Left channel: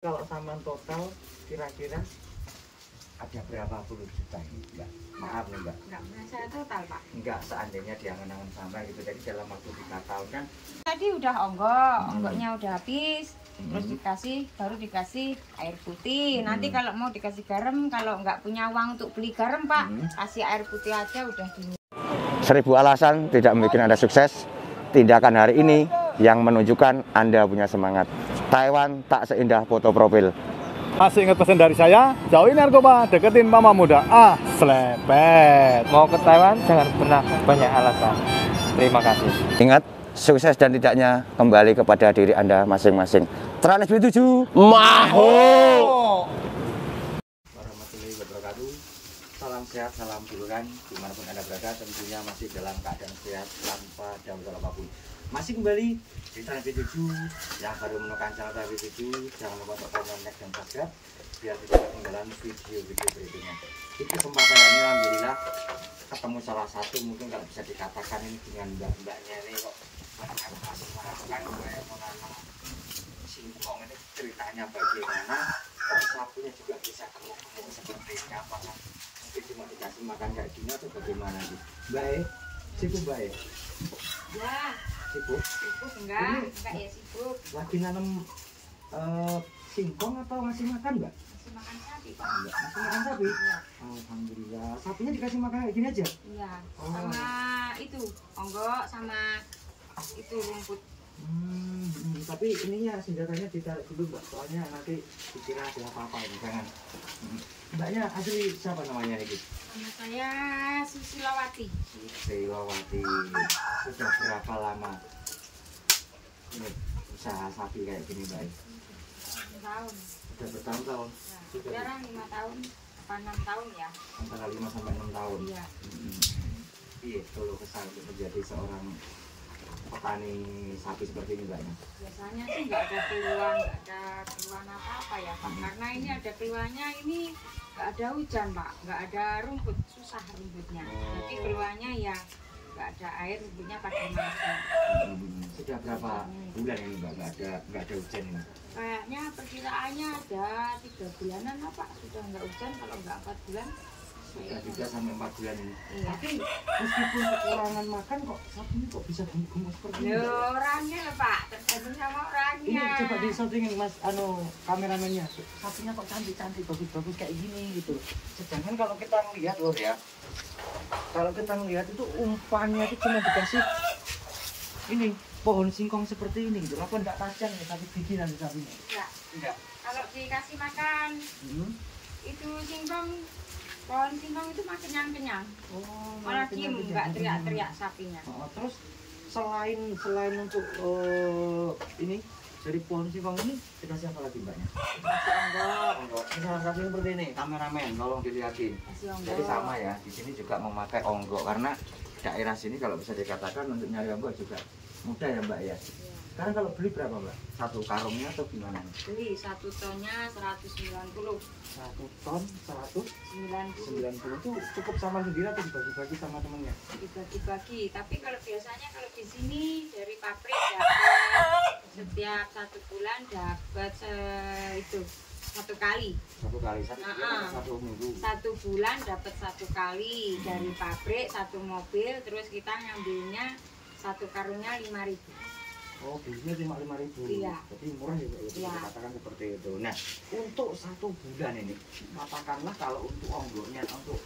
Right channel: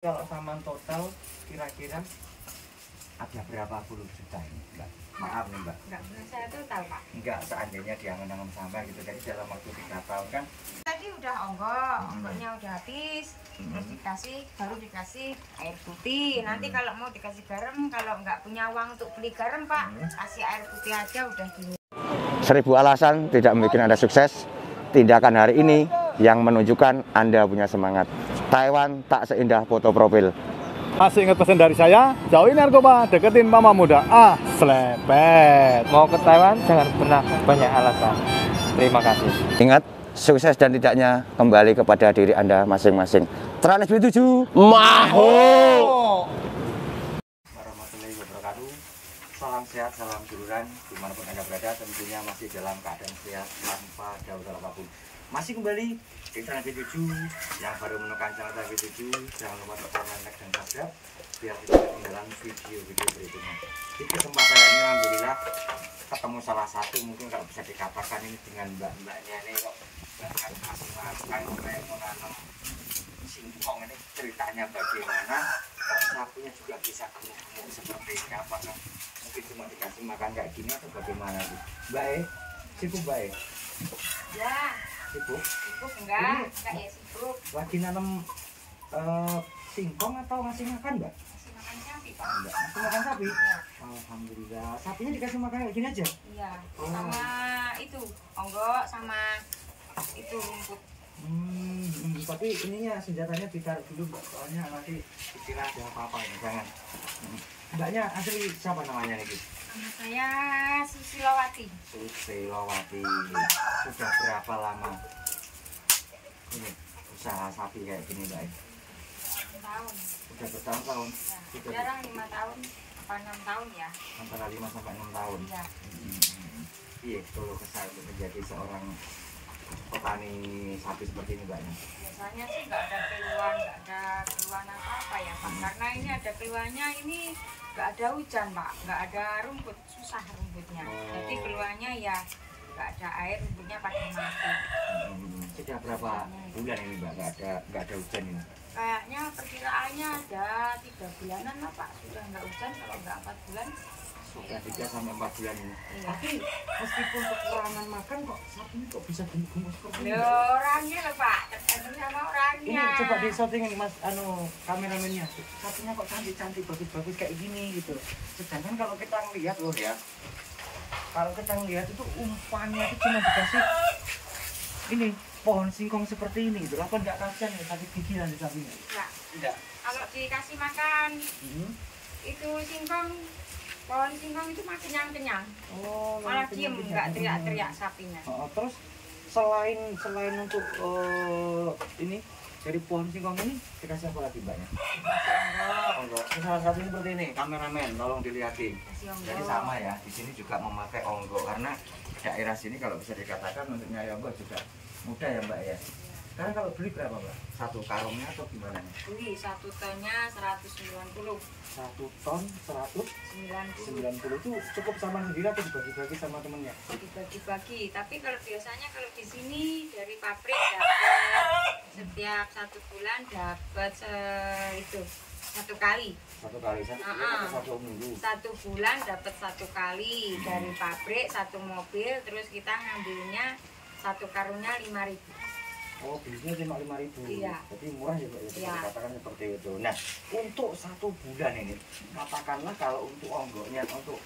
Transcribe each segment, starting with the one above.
Kalau saman total kira-kira ada berapa puluh juta nih, Mbak? Maaf nih, Mbak. Enggak pernah saya total, Pak. Enggak, seandainya diangen-angen sampai gitu. Jadi dalam waktu 3 tahun kan. Tadi udah onggoknya udah habis. Terus baru dikasih air putih. Nanti kalau mau dikasih garam, kalau nggak punya uang untuk beli garam, Pak, kasih air putih aja udah gini. 1000 alasan tidak membuat Anda sukses. Tindakan hari ini yang menunjukkan Anda punya semangat. Taiwan tak seindah foto profil. Masih ingat pesan dari saya? Jauhin narkoba, deketin mama muda. Slepet. Mau ke Taiwan jangan pernah banyak alasan. Terima kasih. Ingat, sukses dan tidaknya kembali kepada diri Anda masing-masing. Trans B7 Maho. Warahmatullahi wabarakatuh. Salam sehat, salam duluran dimanapun Anda berada, tentunya masih dalam keadaan sehat tanpa darurat apapun. Masih kembali di Trans B7 yang baru menemukan channel Trans B7, jangan lupa untuk komen, like, dan subscribe biar tidak ketinggalan video-video berikutnya. Di kesempatan ini alhamdulillah ketemu salah satu, mungkin kalau bisa dikatakan ini dengan mbak-mbaknya ini kok kan kayak menanam singkong. Ini ceritanya bagaimana kok sapunya juga bisa gemuk-gemuk seperti ini, apakah mungkin cuma dikasih makan kayak gini atau bagaimana Bu? Mbak sibuk Mbak Ya, sibuk? sibuk enggak ya sibuk. Lagi nanam singkong atau ngasih makan Mbak? Masih makan sapi, Pak. Mbak masih makan sapi? Iya. Alhamdulillah, sapinya dikasih makan kayak gini aja? Iya, Oh. sama itu onggok sama itu rumput. Tapi ininya senjatanya ditaruh dulu Mbak, soalnya nanti dikira ada apa-apa ini, jangan. Mbaknya asli siapa namanya ini? Sama saya Susilowati. Susilowati. Sudah berapa lama ini usaha sapi kayak gini Mbak? 6 tahun. Sudah bertahun-tahun? Ya, jarang 5 tahun apa 6 tahun ya. Antara 5 sampai 6 tahun? Iya. Iya, kalau kesal untuk menjadi seorang petani sapi seperti ini Mbaknya? Biasanya sih nggak ada keluhan apa-apa ya Pak, karena ini ada keluhannya ini nggak ada hujan Pak, nggak ada rumput, susah rumputnya. Jadi keluhannya ya nggak ada air, rumputnya pada mati. Sejak berapa bulan ini Mbak nggak ada hujan ini? Kayaknya perkiraannya ada 3 bulanan lah Pak, sudah nggak hujan. Kalau nggak 4 bulan Sudah 3 sampai 4 bulan ini. iya. Tapi meskipun kekurangan makan kok sapinya kok bisa gemuk-gemuk seperti ini? Ya, orangnya loh Pak, tergantung sama orangnya. Ini coba di shootingin Mas kameramennya. Sapinya kok cantik-cantik, bagus-bagus kayak gini gitu. Sedangkan kalau kita ngelihat loh ya, kalau kita ngelihat itu umpannya itu cuma dikasih ini pohon singkong seperti ini gitu. Apa enggak kasihan ya sapi gigilan di sapinya? Ya, Tidak. kalau dikasih makan itu singkong, pohon singkong itu makin kenyang. Oh, Malah diem, nggak teriak-teriak sapinya. Terus selain untuk ini dari pohon singkong ini dikasih apa lagi Mbaknya? Kasih onggok, Onggok. Salah satunya seperti ini, kameramen, tolong dilihatin. kasih onggok. Jadi sama ya, di sini juga memakai onggok karena daerah sini kalau bisa dikatakan untuk nyari onggok juga mudah ya Mbak ya. Sekarang kalau beli berapa Mbak? Satu karungnya atau gimana? Beli 1 tonnya 190. 1 ton 90 190 itu cukup sama sendiri atau dibagi-bagi sama temennya? dibagi-bagi. Tapi kalau biasanya kalau di sini dari pabrik dapat setiap 1 bulan dapat itu 1 kali. Satu kali, satu bulan atau satu minggu? 1 bulan dapat 1 kali dari pabrik 1 mobil, terus kita ngambilnya 1 karungnya 5.000. Oh, bisnisnya cuma 5.000. Iya. Berarti murah ya Pak ya, bisa Iya. dikatakan seperti itu. Nah, untuk 1 bulan ini, katakanlah kalau untuk onggoknya, untuk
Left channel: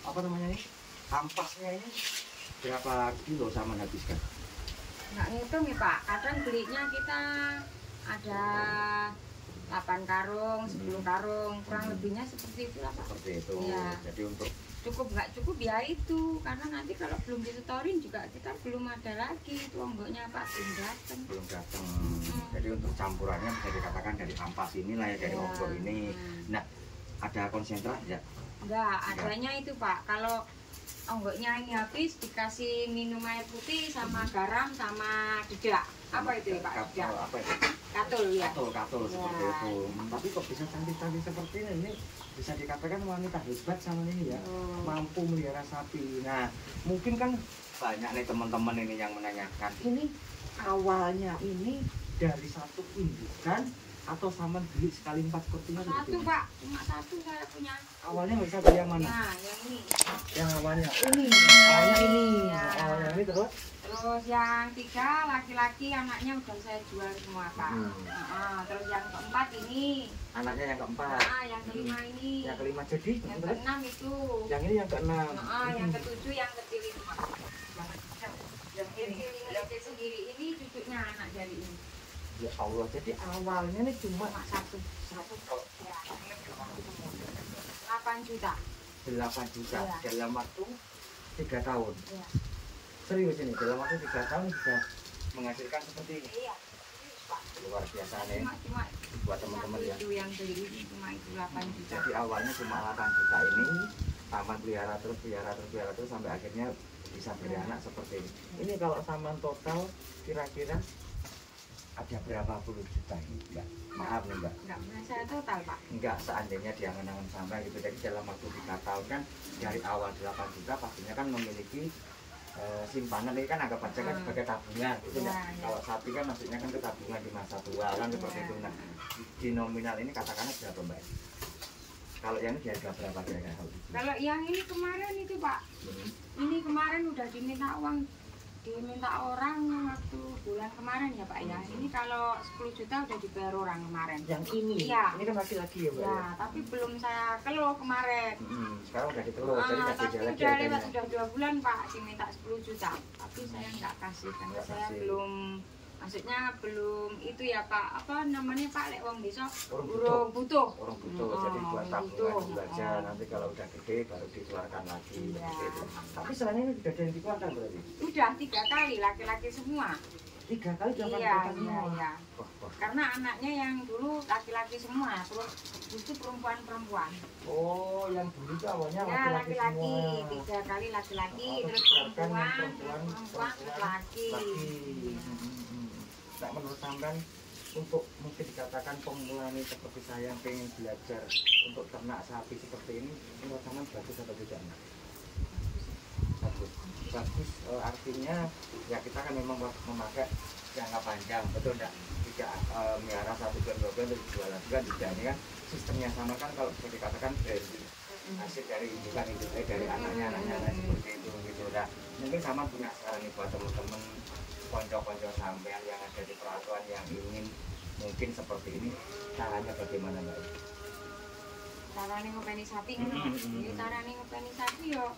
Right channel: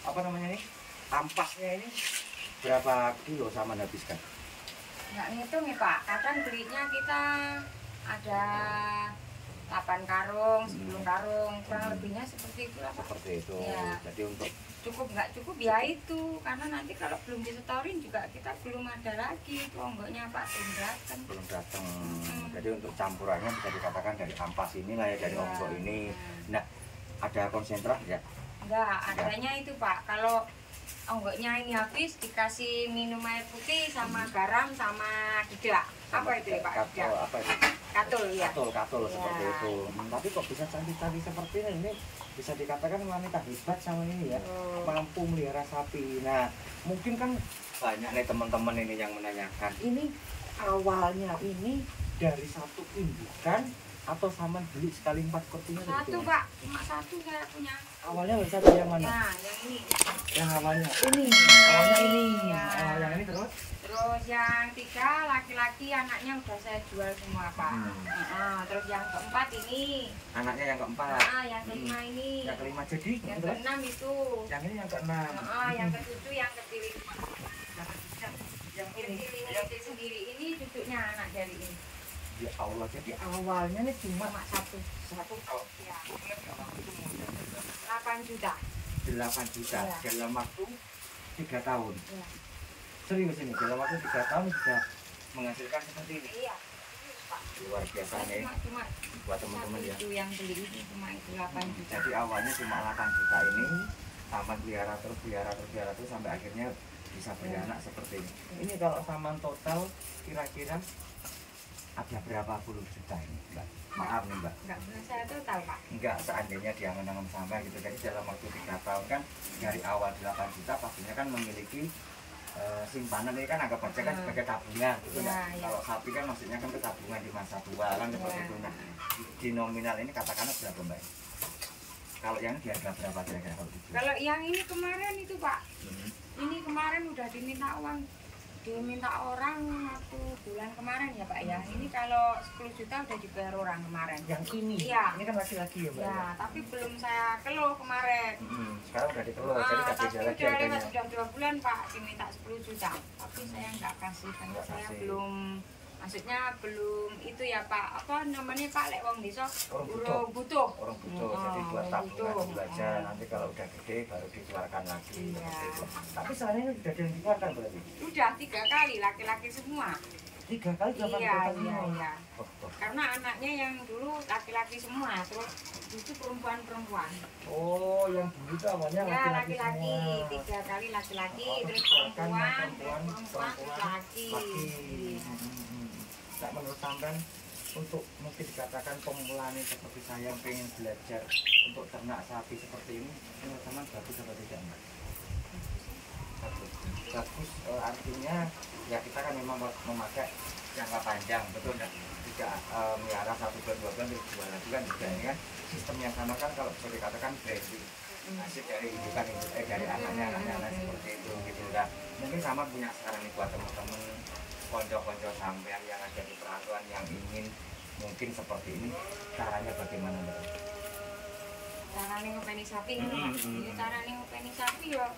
apa namanya ini, ampasnya ini berapa kilo sama habiskan? Nggak ngitung ya Pak, kadang belinya kita ada 8 karung, 10 karung, kurang lebihnya seperti itulah Pak. Seperti itu. Iya. Jadi untuk Cukup nggak cukup ya itu, karena nanti kalau belum disetorin juga kita belum ada lagi itu onggoknya Pak, belum datang. Jadi untuk campurannya bisa dikatakan dari ampas inilah ya, dari Iya. onggok ini. Nah, ada konsentrat ya? Enggak, adanya itu Pak, kalau onggoknya ini habis dikasih minum air putih sama garam sama dedak. Apa itu ya Pak? Dedak. Apa itu? Katul ya. Katul Ya. seperti itu. Tapi kok bisa cantik-cantik seperti ini bisa dikatakan wanita hebat sama ini ya, mampu melihara sapi. Nah, mungkin kan banyak nih teman-teman ini yang menanyakan, ini awalnya ini dari satu indukan atau Saman beli sekali 4 sepertinya? Satu Pak, cuma satu saya punya. Awalnya nggak satu yang mana? Nah, yang ini. Yang awalnya ini. Yang ini terus? Terus yang 3 laki-laki, anaknya udah saya jual semua Pak. Terus yang keempat ini. Anaknya yang keempat. Yang kelima ini. Yang kelima jadi? Yang keenam itu. Yang ini yang keenam. Yang ketujuh yang kecil ini Pak. Yang kecil ini kecil sendiri ini cucunya anak dari ini. Ya Allah, jadi awalnya nih cuma satu kalau ya. ingat nggak waktu itu modalnya berapa? 8 juta. 8 juta Iya. dalam waktu 3 tahun. Iya. Serius ini dalam waktu 3 tahun bisa menghasilkan seperti ini. Iya. Serius, Pak. Luar biasa nih Cuma buat teman-teman ya. itu yang beli ini cuma itu 8 juta. Jadi awalnya cuma 8 juta ini Saman pelihara terus sampai akhirnya bisa beranak seperti ini. Ini kalau Saman total kira-kira ada berapa puluh juta ini, Mbak? Maaf nih, Mbak. Enggak pernah saya total, Pak. Enggak, seandainya diangan-angan sampai gitu. Jadi dalam waktu 3 tahun kan dari awal 8 juta pastinya kan memiliki simpanan ini kan anggap aja kan sebagai tabungan gitu ya. Kalau sapi kan maksudnya kan ke tabungan di masa tua kan seperti itu. Nah, di nominal ini katakanlah berapa, Mbak? Kalau yang ini di harga berapa kira-kira kalau dijual? Kalau yang ini kemarin itu, Pak. Ini kemarin udah diminta orang waktu bulan kemarin ya Pak ya. Ini kalau 10 juta udah dibayar orang kemarin. Yang ini? Iya. Ini kan laki-laki ya Mbak? Ya, tapi belum saya keluh kemarin. Sekarang udah dikeluh, jadi nggak tapi beda lagi udah harganya. lewat, udah 2 bulan Pak diminta 10 juta. Tapi saya nggak kasih karena Nggak saya kasih. belum, maksudnya belum itu ya Pak, apa namanya Pak, lek wong desa Orang urung butuh. Orang butuh, jadi buat tabungan dulu aja. Nanti kalau udah gede baru dikeluarkan lagi. Iya. Seperti itu. Tapi selain ini sudah ada yang dikeluarkan berarti? Udah 3 kali laki-laki semua. 3 kali Iya, dikeluarkan iya, semua? iya. Oh. Karena anaknya yang dulu laki-laki semua, terus itu perempuan-perempuan. Oh, yang dulu itu awalnya Ya, laki-laki laki-laki, semua. 3 kali laki-laki, Oh, terus dikeluarkan yang perempuan, terus laki. Iya. Nah, menurut sampean untuk mungkin dikatakan pemula nih seperti saya yang pengen belajar untuk ternak sapi seperti ini, menurut sampean bagus atau tidak, Mbak? Bagus artinya ya kita kan memang memakai jangka panjang, betul enggak? Tidak melihara 1 bulan 2 bulan terus jual lagi kan tidak. Ini kan sistemnya sama kan, kalau bisa dikatakan dari hasil dari indukan dari anaknya seperti itu gitu. Nah, mungkin sama punya saran nih buat teman-teman konco-konco sampean yang ada di perantauan yang ingin mungkin seperti ini, caranya bagaimana, Mbak? Caranya ngopeni sapi ngono, Mas. Ini caranya ngopeni sapi yo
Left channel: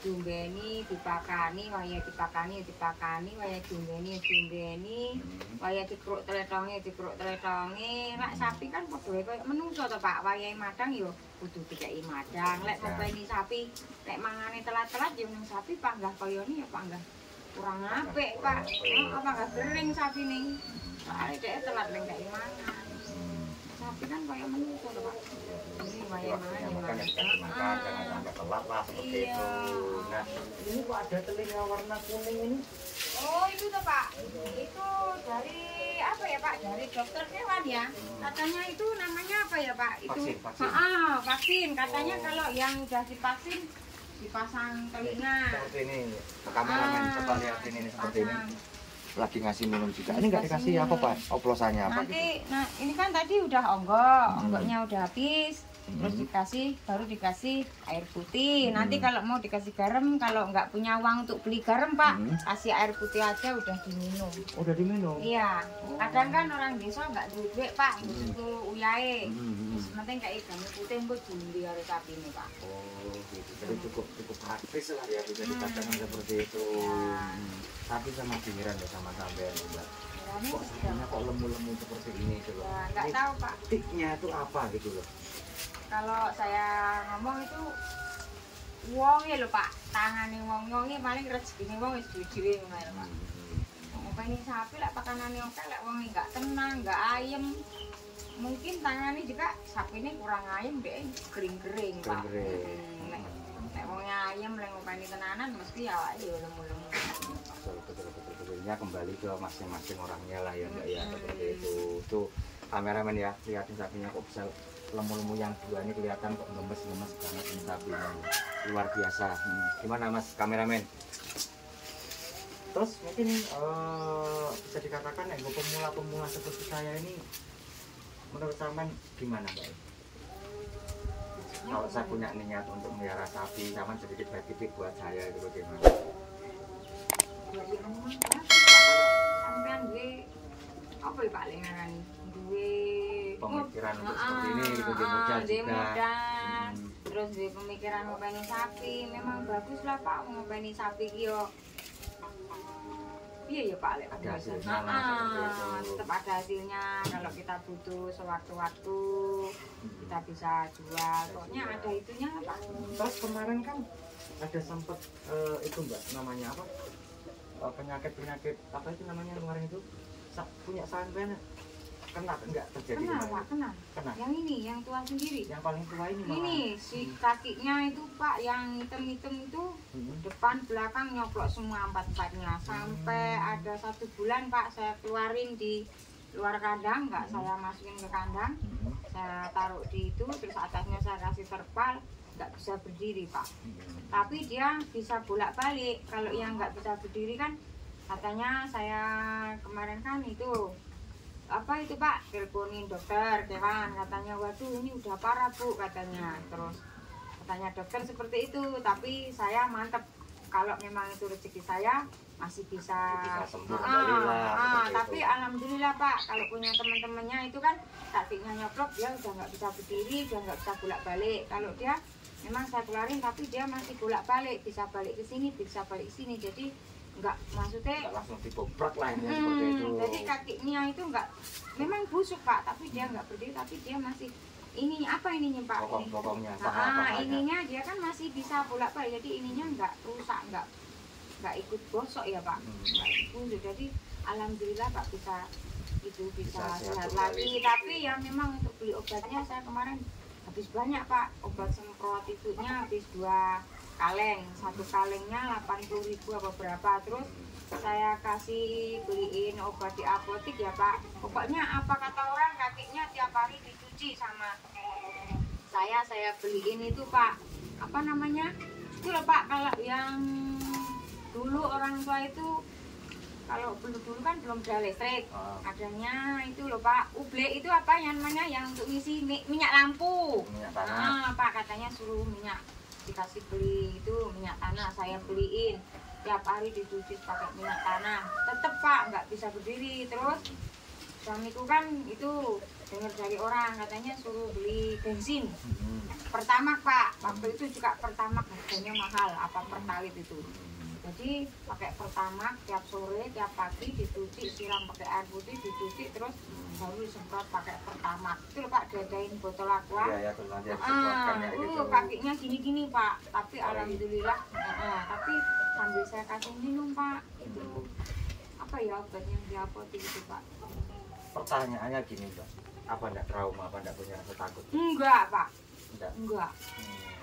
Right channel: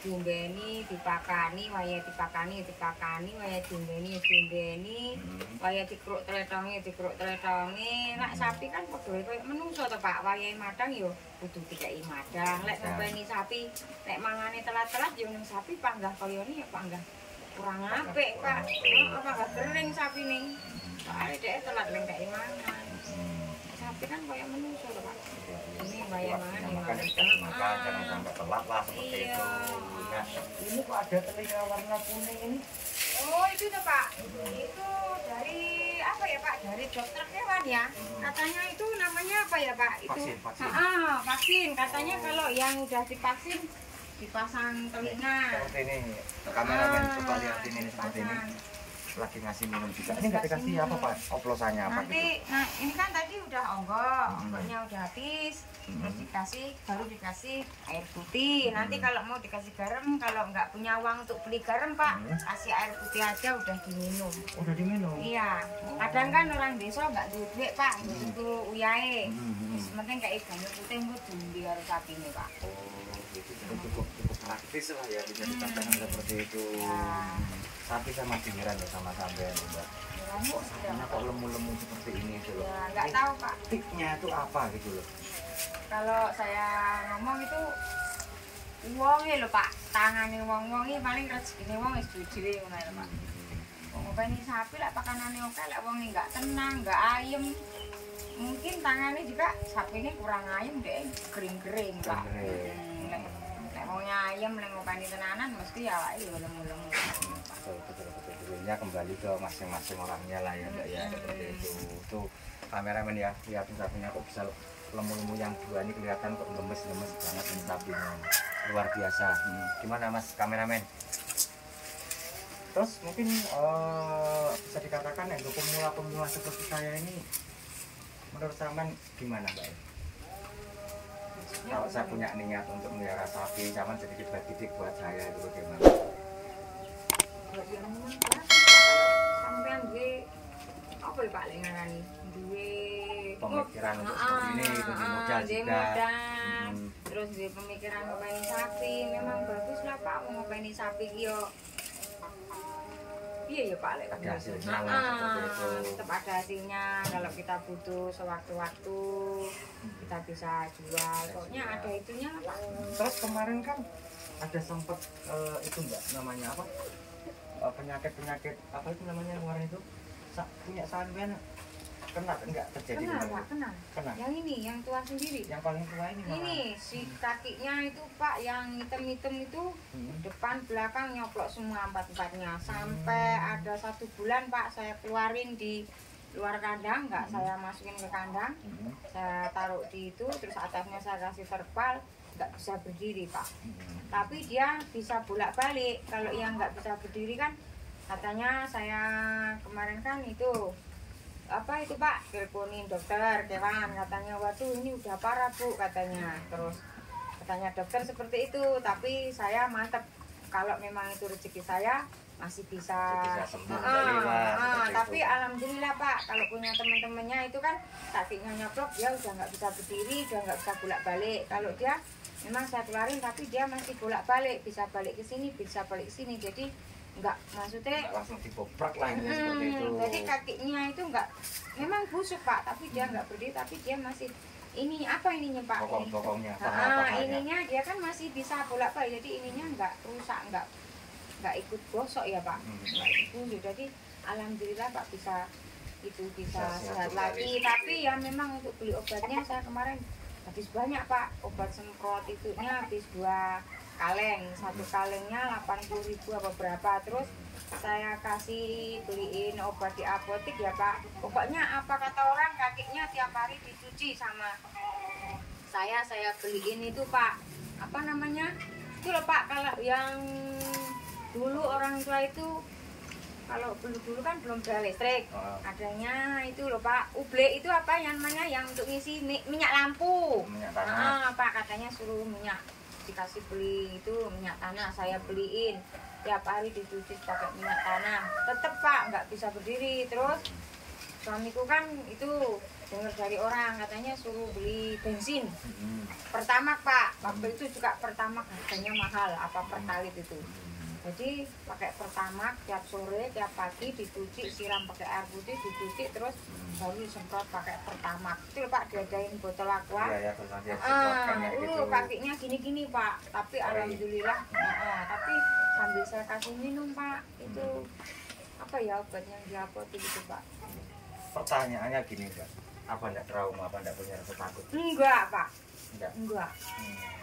diombeni, dipakani, waya dipakani, waya diombeni, waya dikruk tletongi. Lek sapi kan padha koyo menungso to, Pak. Wayahe madang yo kudu dikeki madang. Lek ngopeni sapi, lek mangane telat-telat yo ning sapi panggah koyo ni ya panggah kurang apik, Pak. Panggah kering sapi ning. Soale dhek telat lengkeki mangan. Sapi kan koyo menungso to, Pak. Ini waya mangan ya Makan yang dikasih makan, jangan sampai telat lah seperti itu. Nah, ini kok ada telinga warna kuning ini? Oh itu tuh Pak, itu dari apa ya Pak? Dari dokter hewan ya. Katanya itu namanya apa ya Pak? Itu Vaksin. Vaksin. Katanya kalau yang udah divaksin dipasang telinga. Seperti ini, kameramen coba lihat ini seperti ini. Lagi ngasih minum juga. Ini nggak dikasih apa Pak? Oplosannya apa Nanti, gitu? nah ini kan tadi udah onggoknya udah habis. Terus baru dikasih air putih. Nanti kalau mau dikasih garam, kalau nggak punya uang untuk beli garam Pak, kasih air putih aja udah diminum. Udah diminum? Iya. Kadang kan orang desa nggak duit Pak, untuk uyahe. Penting kayak ikan putih gue jumbi harus sapi nih Pak. Oh gitu. Jadi cukup praktis lah ya bisa dikatakan seperti itu. Tapi sama heran ya sama sampean Mbak. Kok sapinya kok lemu-lemu seperti ini itu loh? Ya, nggak tahu Pak. Tiknya itu apa gitu loh? Kalau saya ngomong itu wonge lho Pak, tangane wong paling rezekine wong wis dhewe ngono lho Pak. Ngopeni sapi lek pakanane oke, lek wonge enggak tenang, enggak ayem. Mungkin tangannya juga sapine kurang ayem deh, kering-kering Pak. Lek wonge ayem lek ngopeni tenanan mesti awake yo lemu-lemu. Betul. Ya kembali ke masing-masing orangnya lah ya Mbak ya, seperti itu. Tuh kameramen ya, lihatin sapinya kok bisa lemu-lemu yang dua ini kelihatan kok gemes-gemes banget ini sapinya, luar biasa. Gimana Mas kameramen? Terus mungkin bisa dikatakan ya pemula-pemula seperti saya ini menurut sampean gimana Mbak? Kalau saya punya niat untuk melihara sapi, sampean sedikit baik titik buat saya itu bagaimana? Ya memang sampean duwe apa ya Pak lengarani? Duwe Pemikiran untuk seperti ini gitu, di modal juga. Terus duwe pemikiran ngopeni sapi, memang bagus lah Pak ngopeni sapi ki yo. Iya ya Pak, ada hasilnya lah seperti itu. Tetap ada hasilnya kalau kita butuh sewaktu-waktu kita bisa jual. Pokoknya ada itunya Pak. Terus kemarin kan ada sempet itu Mbak namanya apa? Penyakit apa itu namanya kemarin itu? Punya sampean kena enggak terjadi? Kena Pak, kena. Kena. Yang ini, yang tua sendiri. Yang paling tua ini malah. Ini si kakinya itu Pak yang hitam-hitam itu depan belakang nyoplok semua empat-empatnya sampai ada 1 bulan Pak saya keluarin di luar kandang, nggak saya masukin ke kandang, saya taruh di itu, terus atasnya saya kasih terpal, nggak bisa berdiri Pak. Tapi dia bisa bolak-balik. Kalau yang nggak bisa berdiri kan katanya saya kemarin kan itu apa itu Pak, teleponin dokter hewan, katanya waduh ini udah parah Bu katanya. Terus katanya dokter seperti itu, tapi saya mantep kalau memang itu rezeki saya masih bisa sembuh kembali lah. Tapi alhamdulillah Pak, kalau punya teman-temannya itu kan kakinya nyoplok, dia udah nggak bisa berdiri, udah nggak bisa bolak-balik. Kalau dia memang saya keluarin tapi dia masih bolak-balik, bisa balik ke sini, bisa balik ke sini, jadi enggak, maksudnya enggak langsung dibobrak lah ini seperti itu. Jadi kakinya itu enggak memang busuk Pak, tapi dia enggak berdiri, tapi dia masih ini apa ininya Pak? Bokong-bokongnya. Ininya dia kan masih bisa bolak-balik, jadi ininya enggak rusak, enggak ikut gosok ya Pak, enggak ikut busuk. Jadi alhamdulillah Pak bisa sehat lagi. Tapi ya memang untuk beli obatnya saya kemarin habis banyak Pak, obat semprot itunya habis 2 kaleng, 1 kalengnya 80.000 apa berapa. Terus saya kasih beliin obat di apotek ya Pak. Pokoknya apa kata orang kakinya tiap hari dicuci sama saya beliin itu Pak, apa namanya itu loh Pak, kalau yang dulu orang tua itu kalau dulu kan belum ada listrik, adanya itu loh Pak, uble itu apa yang namanya yang untuk ngisi minyak lampu, minyak tanah. Pak katanya suruh minyak, dikasih beli itu minyak tanah, saya beliin tiap hari dicuci pakai minyak tanah, tetep Pak nggak bisa berdiri. Terus suamiku kan itu dengar dari orang katanya suruh beli bensin pertamax Pak, waktu itu juga pertamax harganya mahal, apa pertalit itu. Jadi pakai pertamax tiap sore tiap pagi dicuci, siram pakai air putih, dicuci terus baru semprot pakai pertamax. Itu Pak diadain botol aqua. Iya, kakinya gini-gini Pak, tapi alhamdulillah tapi sambil saya kasih minum Pak, itu apa ya obatnya di apotek itu Pak. Pertanyaannya gini Mbak, apa enggak trauma, apa enggak punya rasa takut? Enggak Pak, Enggak. enggak.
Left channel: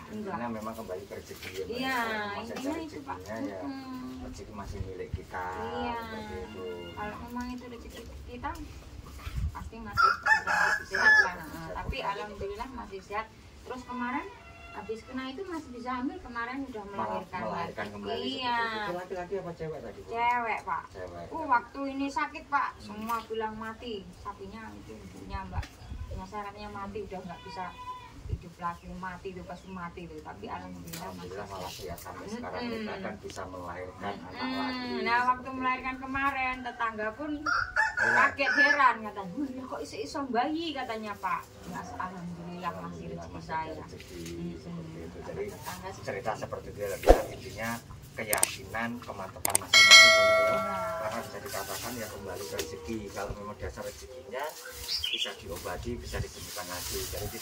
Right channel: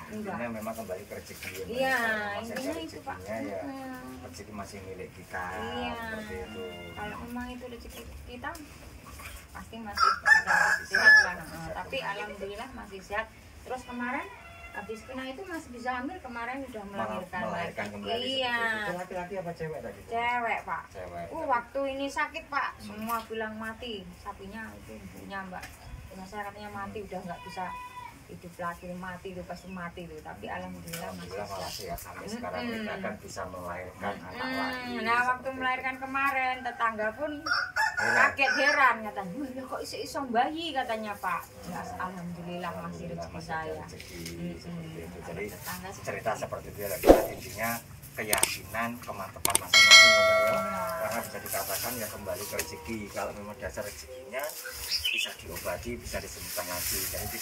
Intinya memang kembali ke rezeki ya. Iya, masih intinya ada itu Pak. rezekinya ya. Rezeki masih milik kita. Iya. Seperti itu. Kalau memang itu rezeki kita pasti masih bisa sehat lah. Tapi alhamdulillah masih sehat. Terus kemarin habis kena itu masih bisa hamil, kemarin udah melahirkan kembali. Iya. Itu laki-laki apa cewek tadi? Cewek Pak. Cewek. Waktu ini sakit Pak, semua bilang mati. Sapinya itu punya Mbak. Punya saya katanya mati, udah nggak bisa hidup lagi, mati itu pasti mati itu. Tapi alhamdulillah masih sehat sampai sekarang kita kan bisa melahirkan anak lagi. Nah waktu melahirkan kemarin tetangga pun kaget heran, katanya wah kok iso bayi katanya Pak. Ya, alhamdulillah masih rezeki saya. Jadi cerita seperti itu lagi, intinya keyakinan, kemantapan masing-masing ya. Karena bisa dikatakan ya kembali ke rezeki. Kalau memang dasar rezekinya bisa diobati, bisa disembuhkan lagi. Jadi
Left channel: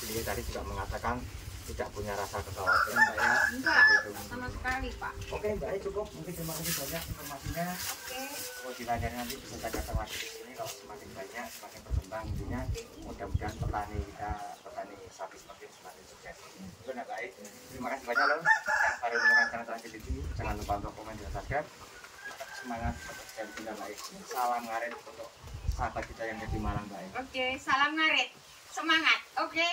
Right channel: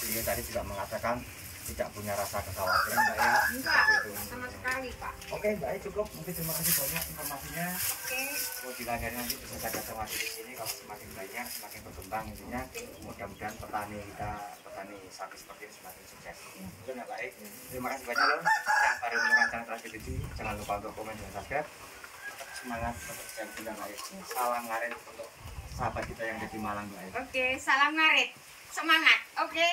beliau tadi juga mengatakan tidak punya rasa kekhawatiran Mbak ya. Enggak, sama sekali Pak. Oke Mbak, cukup. Mungkin terima kasih banyak informasinya. Oke. Mau dilanjutkan nanti bisa jaga temati di sini. Kalau semakin banyak, semakin berkembang intinya. Mudah-mudahan petani sapi seperti ini semakin sukses. Mungkin ya baik. Terima kasih banyak loh. Yang baru menemukan channel Terakhir Cucu, jangan lupa untuk komen dan subscribe. Semangat dan juga baik. Salam ngarit untuk sahabat kita yang ada di Malang Mbak. Oke, salam ngarit. Semangat. Oke.